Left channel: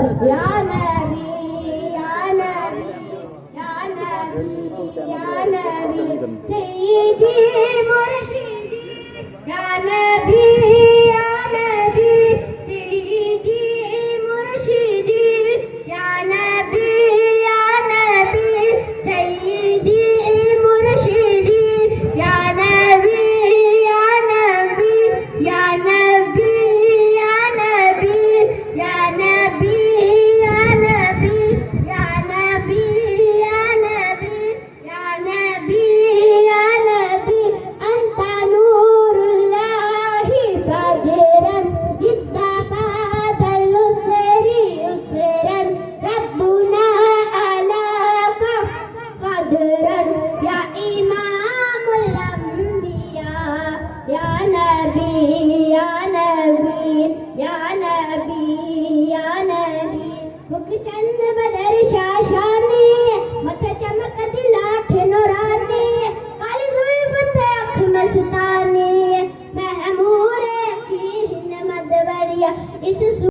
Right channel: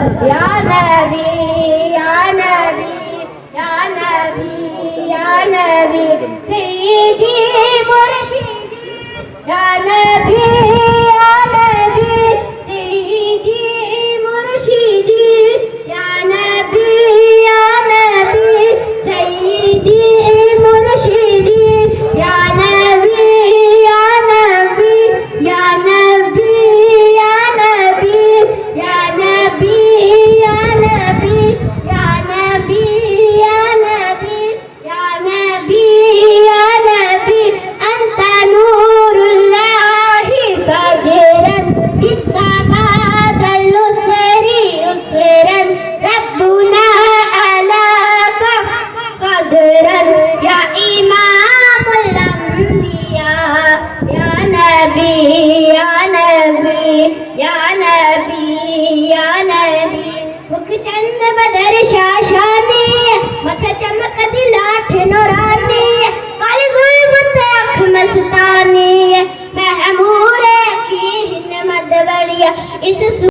या नबी या नबी या नबी या नबी सय्यदी मुर्शिदी या नबी या नबी सय्यदी मुर्शिदी या नबी सय्यदी मुर्शिदी या नबी या नबी या नबी या नबी या नबी या नबी या नबी या नबी या नबी या नबी अंत नूरुल्लाहि फजरन इत्तखذ الأسri उसरन रब्बुना अलाका क़दरन या इमामुल अंबिया या नबी या नबी या नबी या नबी मुख चंद बदर